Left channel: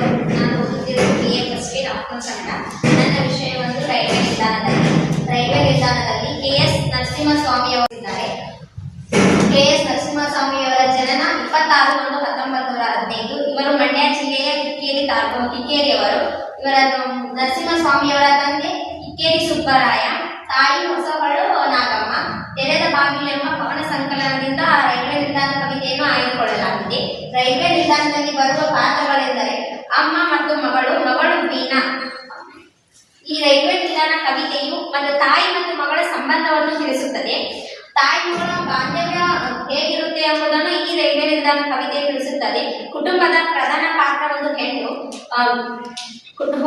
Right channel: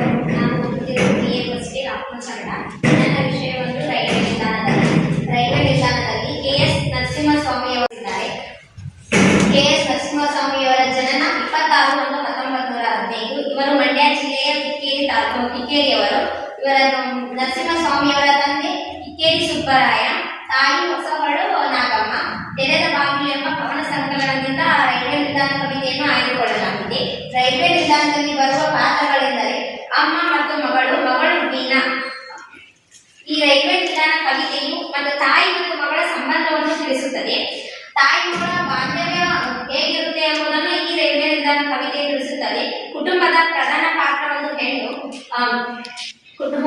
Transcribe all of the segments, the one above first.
ನಾನು ಓದುತ್ತಿರುವ B A first year ಅಪ್ಪನ್ ಕನ್ನಡ ನನ್ನ ವಿಷಯ ಒಂದು ರೈಲ್ವೆ ನಿಲ್ದಾಣದಲ್ಲಿ ರೈಲ್ವೆ ನಿಲ್ದಾಣದಲ್ಲಿ ಕೆ ಎಸ್ ನರಸಿಂಹಸ್ವಾಮಿ ಅವರಿದ್ದಾರೆ ಕೆ ಎಸ್ ನರಸಿಂಹಸ್ವಾಮಿಯವರ ಜನನ ಇಪ್ಪತ್ತಾರು ಒಂದು ಹತ್ತೊಂಬತ್ತು ನೂರ ಹದಿನೈದು ಇವರು ಮಂಡ್ಯ ಜಿಲ್ಲೆಯ ಕಿಕ್ಕೇರಿ ತಾಲೂಕು ಕಿಕ್ಕೇರಿಯವರು ಇವರ ನರಸಿಂಹಸ್ವಾಮಿಯವರ ತಂದೆ ಕಿಕ್ಕೇರಿ ಸುಬ್ಬರಾಯ ತಾಯಿ ಹೊಸಹೊಳು ನಾಗಮ್ಮ ತೆರೆದ ಬಾಗಿಲು ಎಂಬ ಕವನ ಸಂಕಲನದಿಂದ ರೈಲ್ವೆ ನಿಲ್ದಾಣ ಕವಿತೆಯನ್ನು ಆಯ್ದುಕೊಳ್ಳಲಾಗಿದೆ ರೈಲ್ವೆ ನಿಲ್ದಾಣದಲ್ಲಿ ಮತ್ತು ತಾಯಿ ಮತ್ತು ಮಗಳ ಸಂಬಂಧವನ್ನು ತಿಳಿಸುತ್ತದೆ. ತಾಯಿ ಮಗಳ ಬಾಂಧವ್ಯ ಹೇಗಿರುತ್ತೆ ಎಂಬುದನ್ನು ಈ ರೈಲ್ವೆ ಕವಿತೆ ತಿಳಿಸುತ್ತದೆ. ಕುಟುಂಬದ ಪ್ರಧಾನ ಪಾತ್ರ ಒಂದು ಹೆಣ್ಣು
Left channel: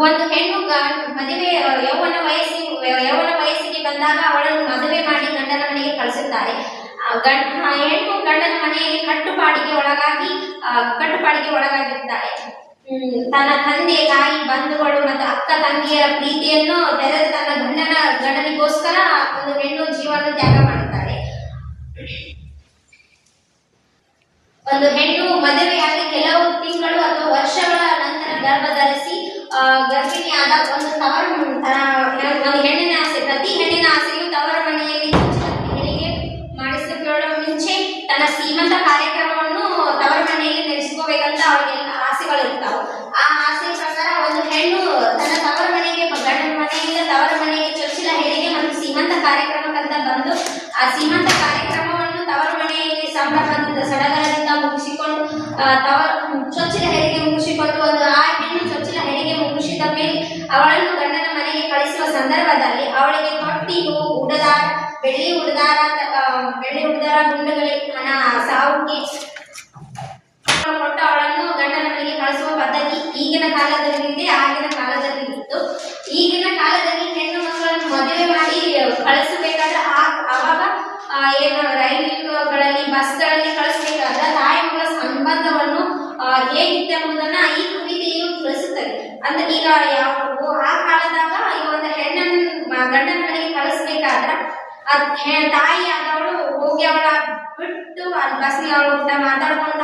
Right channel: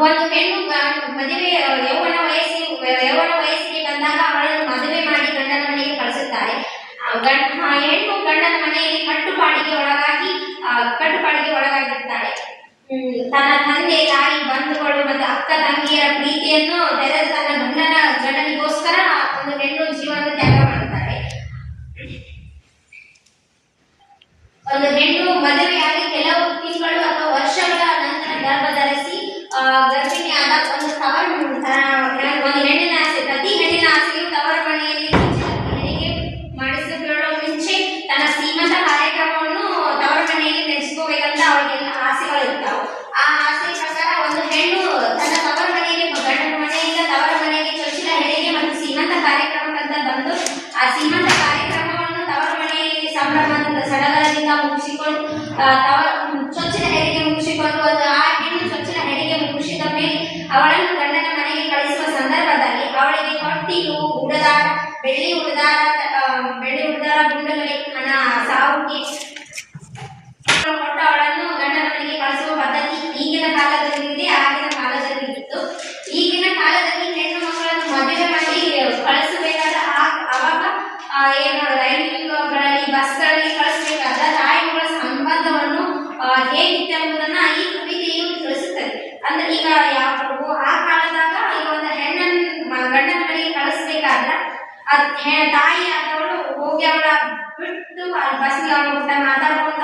ಒಂದು ಹೆಣ್ಣು ಮದುವೆ, ಯೌವನ ವಯಸ್ಸಿ, ಯೌವನ ವಯಸ್ಸಿಗೆ ಬಂದಾಗ ಅವಳನ್ನು ಮದುವೆ ಮಾಡಿ ಗಂಡನ ಮನೆಗೆ ಕಳಿಸುತ್ತಾರೆ. ಹೆಣ್ಣು ಗಂಡನ ಮನೆಯಲ್ಲಿ ಕಟ್ಟುಪಾಡಿಗೆ ಒಳಗಾಗಿ ಕಟ್ಟುಪಾಡಿಗೆ ಒಳಗಾಗಿರ್ತಾಳೆ ತನ್ನ ತಂದೆ ತಾಯಿ, ಬಂಧುಗಳು ಮತ್ತು ಅಕ್ಕ ತಂಗಿಯರ ಪ್ರೀತಿಯನ್ನು ತೆರೆದು ತನ್ನ ಗಂಡನ ಜನನಿಗೋಸ್ಕರ ಒಂದು ಹೆಣ್ಣು ಜೀವನ ತ್ಯಾಗ ಮಾಡುತ್ತಾಳೆ ಒಂದು ಹೆಣ್ಣು ಮದುವೆಯಾಗಿ ಕೆಲವು ತಿಂಗಳು ಅಥವಾ ವರ್ಷಗಳ ನಂತರ ಗರ್ಭ ಧರಿಸಿ ಗರ್ಭಿಣಿಯಾದ ಒಂದು ತವರು ತ- ಒಂದು ಹೆಣ್ಣಿನ ಆಸೆ ಪ್ರತಿ ಹೆಣ್ಣಿನ ಆಸೆಯು ತವರ ಮನೆಯಲ್ಲಿ ಹೆರಿಗೆ ಮಾಡಿಸಿಕೊಳ್ಳುವ ಮುಂಚೆ ತನ್ನ ಶ್ರೀಮಂತ ಕಾರ್ಯಕ್ರಮವನ್ನು ತವರ ಮನೆಯಲ್ಲಿ ನಡೆಸ್ಕೋಬೇಕಂತ ಅವಳಿಗೆಲ್ಲ ಆಸೆಗಳಿರ್ತಾವೆ ಆ ಆಸೆ ಪ್ರಕಾರ ಒಂದು ಹೆಣ್ಣು ತನ್ನ ತವರ ಮನೆಗೆ ಗಂಡನ ಮನೆಯಿಂದ ತವರ ಮನೆಗೆ ಚೊಚ್ಚಿಲ ಹೆರಿಗೆ ಮತ್ತು ಶ್ರೀಮಂತ ಕಾರ್ಯಕ್ರಮಕ್ಕಂತ ಬಂದು ಆ ಶ್ರೀಮಂತ ಕಾರ್ಯಕ್ರಮವನ್ನು ತವರ ಮನೆಯಲ್ಲಿ ಸಂಭ್ರಮದಿಂದ ಸಡಗರದಿಂದ ಮುಗಿಸಿಕೊಂಡು ಆ, ತವರ ಚೊಚ್ಚಿಲ ಹೆರಿಗೆ ಮುಗಿಸಿಕೊಂಡು ಒಂದು ಆ ಹೆಣ್ಣು ಚೊಚ್ಚಿಲ ಹೆರಿಗೆ ಮುಗಿಸಿದ ಮೇಲೆ ಅವಳನ್ನು ಗಂಡನ ಮನೆಗೆ ಕಳಿಸುವ ಸಂದರ್ಭದಲ್ಲಿ ಅವಳಿಗೆ ತೊಟ್ಟಿಲು ಉಡದಾರ ಬೆಳ್ಳಿ ಉಡದಾರ ಆ, ಬೆಳ್ಳಿ ಉಡದಾರ ಗುಂಡುಗಳಿಗೆ ಹಣ ಸಾವಿಗೆ ಕೊಟ್ಟು ಅವಳನ್ನು ಗಂಡನ ಮನೆಗೆ ಕಳಿಸುವ ಪದ್ಧತಿ ಈಗಿನ ಕಾಲದಲ್ಲಿದೆ ಆಗಿನ ಕಾಲದಲ್ಲಿ ಇತ್ತು ಈಗಿನ ಕಾಲದಲ್ಲಿ ಹೆಣ್ಣು ಮಕ್ಕಳನ್ನು ಮದುವೆ ಮಾಡಿ ಕಳಿಸಬೇಕಾದ ಆ- ಅವಾಗ ಆ, ಏನು ರೈಲುಗಳಲ್ಲಿ ಬಸ್ಗಳಲ್ಲಿ ಕಳಿಸಬೇಕಾದ ತಾಯಿ ಮಗಳ ಸಂಬಂಧವನ್ನು ಎಂಬುದನ್ನ ಈ ಕವಿತೆಯು ತಿಳಿಸುತ್ತದೆ? ಅಂದ್ರೆ ಈಗ ಯಾವ ಆ ಕಾಲದಾಗ ಈ ಒಂದು ಹೆಣ್ಣನ್ನು ಗಂಡನ ಮನೆಗೆ ಕಳಿಸ್ಬೇಕಾದ್ರ ತಾಯಿ ಆದವಳು ಹೋಗಿ ಅವಳ ಬಿಟ್ಟು ಅಲ್ಲಿ ಬಸ್ನಲ್ಲಿ ಅವಳು ಊಟ ಮಾತಾಡ್ಕೊಂತ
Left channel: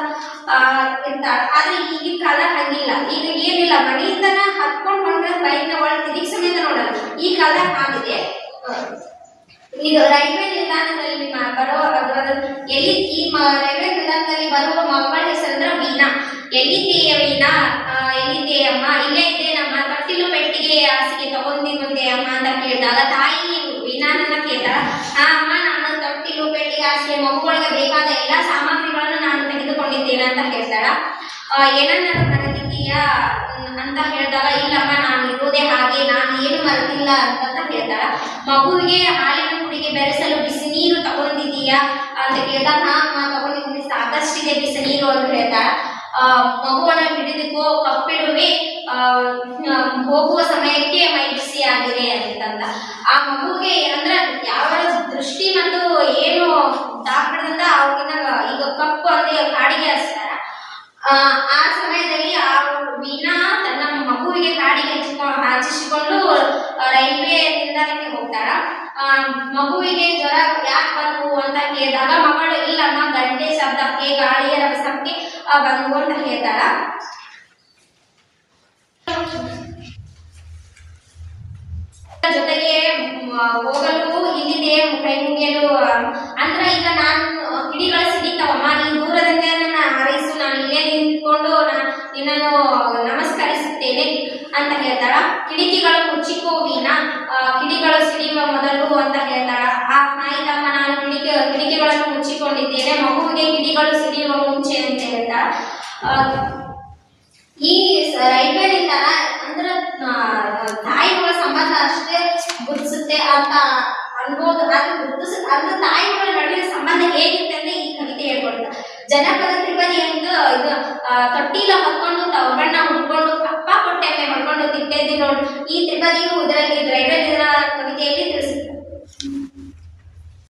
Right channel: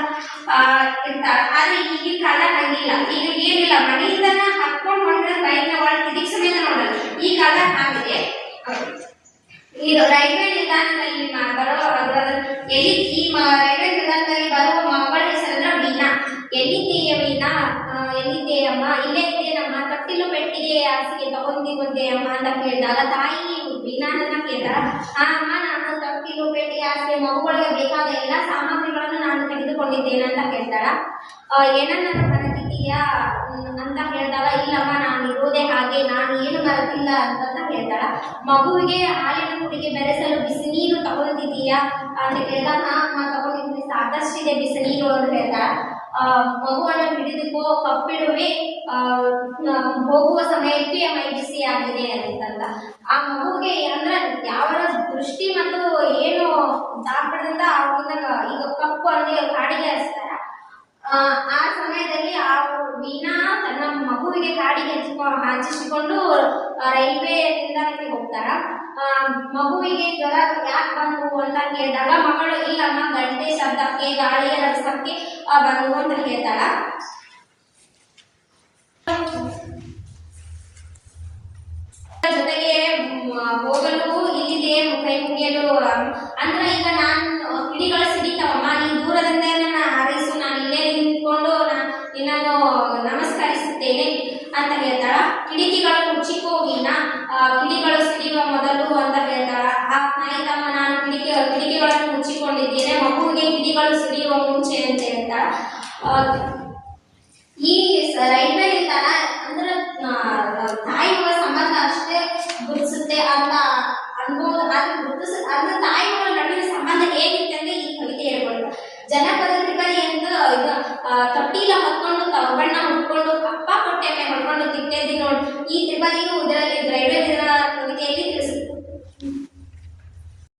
ಇರ್ತಾಳೆ. ಆದ್ರೆ ಈಗಿನ ಕಾಲ ಹಂಗಿಲ್ಲ. ಈಗ ಏನಿಲ್ಲ. ಮನೆಯಿಂದನ ಹತ್ಕೊಂಡು ಬಂದ್ರೆ ಬೈಕ್ನ ಒಳ ತಿರುಗಿ ಸಮೇತ ನೋಡಲ್ಲ. ಈ ಕಾಲ ಆಗಿದೆ. ಈಗ ರೈಲ್ವೆ ನಿಲ್ದಾಣದಲ್ಲಿ ಬರೋ ಎಲ್ಲಿ ಈ ರೈಲ್ವೆ ವೀಣಾ ಎಲ್ಲಿದ್ದೀಯ ವೀಣಾ ಆ, ಎಲ್ಲಿದ್ದೀಯಮ್ಮ ಇಲ್ಲೇ ಇದ್ದೇನಮ್ಮ ತಟ್ಟಿಲು ಪೆಟ್ಟಿಗೆ ಹಾಸಿಗೆ ತಗೊಂಡಿ ಬಂದೆ ಅಮ್ಮ ಅಂತ ಕೇಳಿದಾಗ ತಾಯಿ ವೀಣಾನನ್ನ ಕೇಳ್ತಾಳ ಆ ಅಮ್ಮ ನಾನು ತಟ್ಟಿಲು ಪೆಟ್ಟಿಗೆ ಹಾಸಿಗೆ ಮಗುಗಳಿಗೆ ಬೇಕಾದ ಎಲ್ಲ ಸಾಮಗ್ರಿಗಳನ್ನು ನಾನು ತೆಗೆದುಕೊಂಡಿದ್ದೇನೆ ಅಂತ ಹೇಳ್ತಾಳ ಆ, ಏನನ್ನ ಮರೆತಿದ್ದೀಯಾ ಅಂತ ಹೇಳಿದಾಗ ಇಲ್ಲಮ್ಮ ನಾನು ಇರೋದೇ ಹಾಗೆ ನಾನು ಏನು ಮರೆತಿಲ್ಲ ಅಂತ ಹೇಳ್ತಾಳ ಮಗುವಿಗೆ ಹಾಲಿನ ಕುಡಿಗೆ ಬೆರೆಸಲು ಬಿಸಿ ನೀರು ತಗೊಂಡಿದ್ದೀಯಾ? ಅಂತ ಕೇಳಿದಾಗ ಅಮ್ಮ ತಗೊಂಡಿದ್ದೀನಿ ಸಾಕಷ್ಟಿದೆ ಬಿಸಿ ನೀರು ಅಂತ ಹೇಳ್ತಾಳ ಮಗುವನ್ನು ಹಿಡಿದುಕೋ, ಕಪ್ಪಿಡುವೆ ಹೋಗುವ ಸಮಯಕ್ಕೆ ಮೈ ಬಿಸಿಯಾಗಿದೆ ಅಂತಂದ. ಆ ಮಗುಗೆ ಅಂದ್ರೆ ಯಾವ ದೃಷ್ಟಿ ಮತ್ತು ಏನು ದಾಕ್ಬಿಡ್ದಂತ ಅವಾಗಿನ ಈಗ ಕಪ್ಪು ಅಂದ್ರೆ ಕಾಡಿಗೆ ಹಚ್ತಾರ. ಆ ಸಮಯದಲ್ಲಿ ಆ ವೀಣಾ ತನ್ನ ಮಗುವಿಗೆ ಕಾಡಿಗೆ ಹಚ್ಕೊಂಡು ಹಚ್ಚಿಸಿಕೊಂಡು ರೈಲ್ವೆ ನಿಲ್ದಾಣಕ್ಕೆ ಹೋಗ್ತಾರ. ಮಗುವಿಗೆ ಜ್ವರ ಯಾಕೆ ಬಂತು ಅಂತ ಕೇಳಿದಾಗ ಮಗಳು, ಇಲ್ಲಮ್ಮ, ಗಂಟೆ ಶಬ್ದಕ್ಕೆ ಗಾಳಿಯ ರಭಸಕ್ಕೆ ಆ, ಅಂತ ಹೇಳ್ತಾಳ. ಜೊತೆಗೆ ಹೋಗಲು ಇಲ್ಲಿದೆ ಕೈ ಮುಗಿಯಲು ಅಂದ್ರೆ ಈಗ ನಾನು ಕಿಡಿಗಳು ಸಿಡಿತಾವಮ್ಮ ನೀನು ದೂರದಿಂದ ನನ್ನ ಹಾರೈಸು ನಾನು ಇಲ್ಲೇ ನಿಂತ್ಕೊಂಡು ನಾನು ನಿನ್ನನ್ನು ನಮಸ್ಕರಿಸುತ್ತೇನೆ ಅಂತ ಹೇಳ್ತಾಳ ಕಿಡಿಕಿಗಳು ಮುಚ್ಚಿಕೋ ವೀಣಾ ಆ, ಕಿಡಿಗಳು ಸಿಡಿಯುವ ಮೊದಲು ಅಂತ ಹೇಳ್ತಾಳ ಆ ನಾಯಿತಮ್ಮ ನಾನು ಕಿಡಿಕೆ ಕಿಡಿಕಿಗಳನ್ನು ಮಗುವಿಗೆ ಕಿಡಿಗಳು ಸಿಡಿಯುವ ಮುಂಚೆ ಅಂತ ಹೇಳ್ತಾರೆ ಈ ರೈಲ್ವೆ ನಿಲ್ದಾಣ ಅಂದ್ರೆ ತಾಯಿಗಳ ಸಂಬಂಧ ಅಷ್ಟೇ ಗುರುತಿಸುತ್ತೆ ಅಂತ ಅನ್ಬೋದು ಆದ್ರೆ ಗುರುತಿಸ, ಅಂದ್ರೆ ತಾಯಿ ಮಗಳ ನಡುವಿನ ಸಂಬಂಧ ಹೇಗಿರುತ್ತೆ ಅಂದ್ರೆ ಈ ಕವಿತೆ ಹೇಳ್ಕೊಡುತ್ತೆ. ಜನಪದ ತ್ರಿಪದಿ ಅಂತ ಇದು ತೊಟ್ಟಿಲ ಹೊತ್ಕೊಂಡು ತವಬಣ್ಣ